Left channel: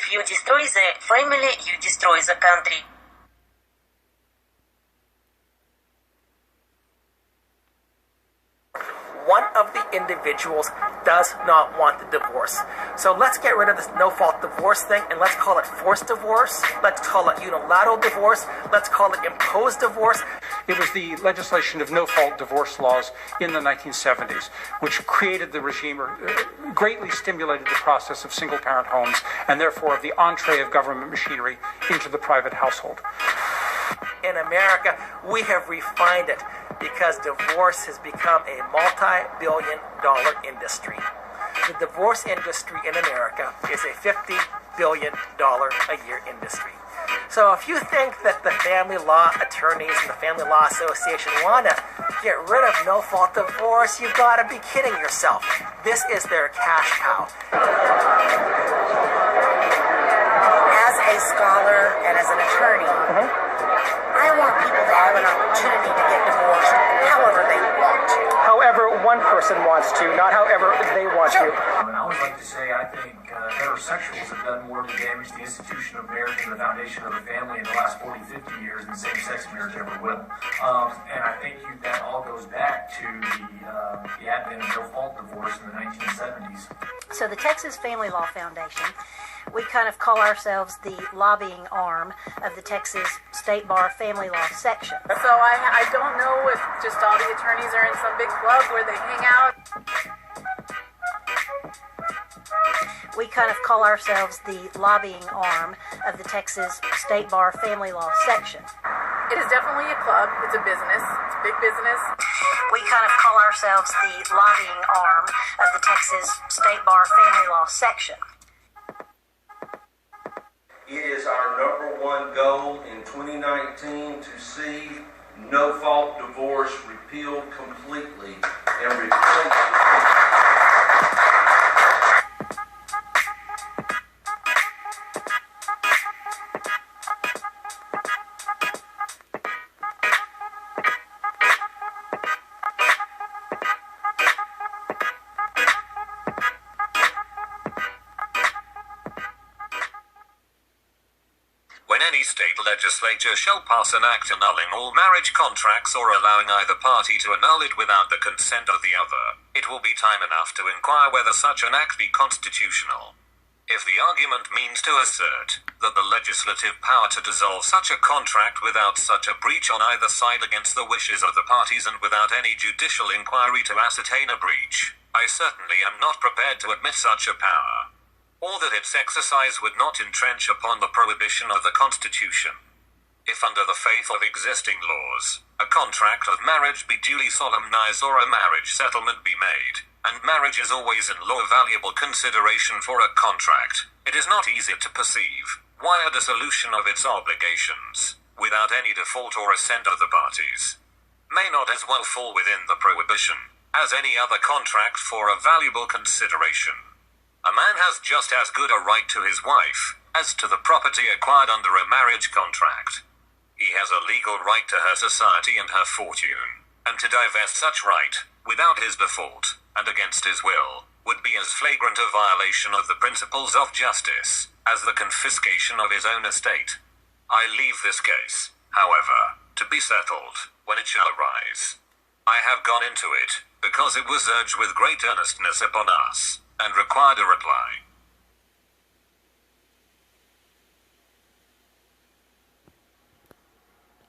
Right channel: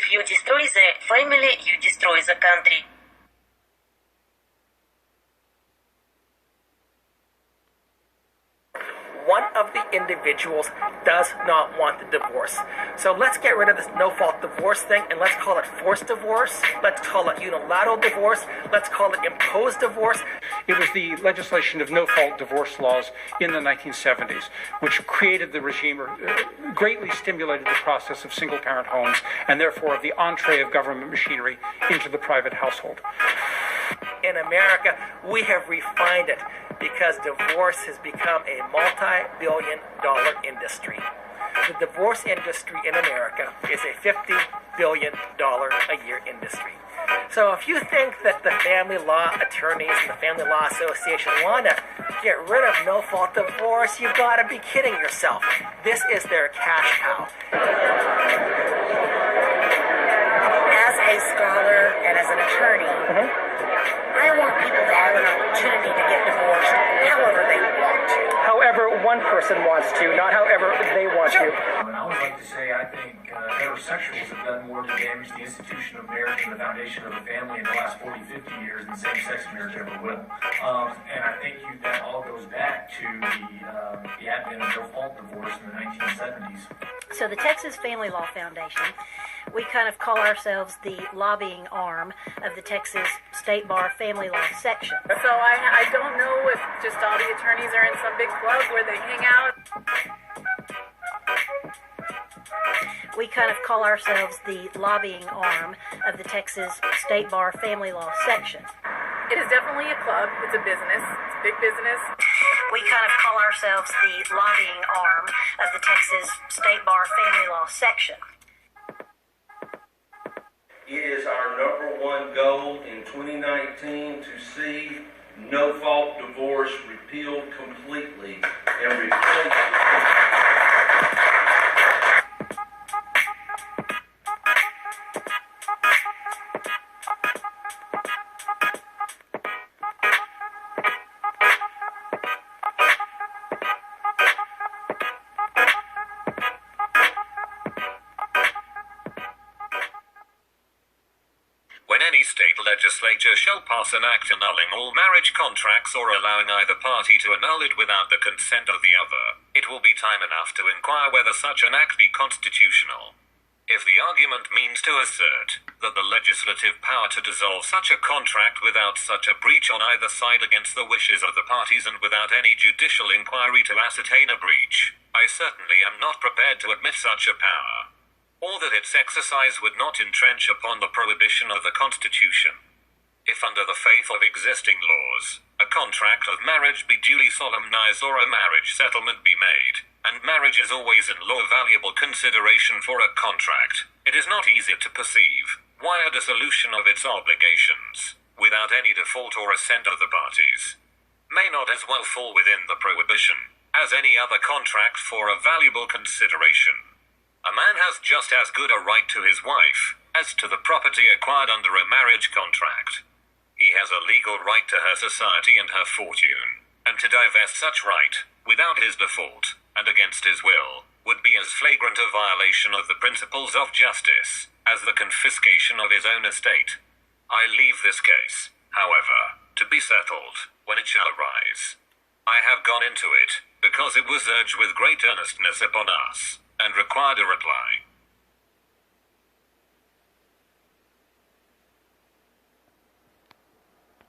If you destroy the family, you destroy the country. One of the individuals does not want the divorce. So let's get rid of this no-fault divorce thing, and let's call it forced divorce. Let's call it unilateral divorce. Let's call it imposed divorce. It was the legislation of no-fault divorce laws in the 1970s, which created the regime, or greatly stimulated the process of single-parent homes, and therefore of the entree of government machinery into the private household. In America, we have refined it because divorce has become a multi-billion-dollar industry. The divorce industry in America is a $50 billion a year industry. So if you think that the family law attorneys and the Family Law Association want to get rid of no-fault divorce, you've got to be kidding yourself. This is their cash cow. As a scholar and as an attorney, I want people to have an opportunity to get divorced however they want to. However one person wants to, not however they want to. And I always like to say I think heterosexuals have done more to damage the institution of marriage and the foundation of the family in the last 40, 50 years than same-sex marriage ever will. And I think that all goes back to the advent of no-fault divorce in the 1970s. So the Texas Family Law Foundation, we kind of call ourselves the lobbying arm of the Texas State Bar Family Law section. So I don't know if just all the attorneys are in some big club where they hang out. We kind of call ourselves the lobbying arm of the Texas State Bar Family Law section. It is definitely a club. It's a business. It's a big business. We kind of call ourselves the lobbying arm of the Texas State Bar Family Law section. It is our number one goal in 2019 to see no-fault divorce repealed completely and replaced. When any state legislature shall pass an act annulling all marriage contracts or allowing either party to annul it without the consent of the other, it will be time enough to inquire whether such an act be constitutional. If the argument means to assert that the legislative power to dissolve such a contract without such a breach on either side against the wishes of the parties and without any judicial inquiry to ascertain a breach, I certainly am not prepared to admit such a power, or that its exercise would not entrench upon the prohibition of the Constitution. If under the faith of existing laws, a contract of marriage be duly solemnized or a marriage settlement be made, and marriage is always in law valuable consideration for a contract, it is not easy to perceive why a dissolution of its obligations, without any default or assent of the parties, may not as well fall within the prohibition, as any other contract for a valuable consideration. A man has just as good a right to his wife as to the property acquired under a marriage contract. He has a legal right to her society and her fortune, and to divest such right, without his default, and against his will, would be as flagrant a violation of the principles of justice as the confiscation of his own estate. I leave this case, however, to be settled when it shall arise. I have gone into it because it was urged with great earnestness upon us, and required a reply.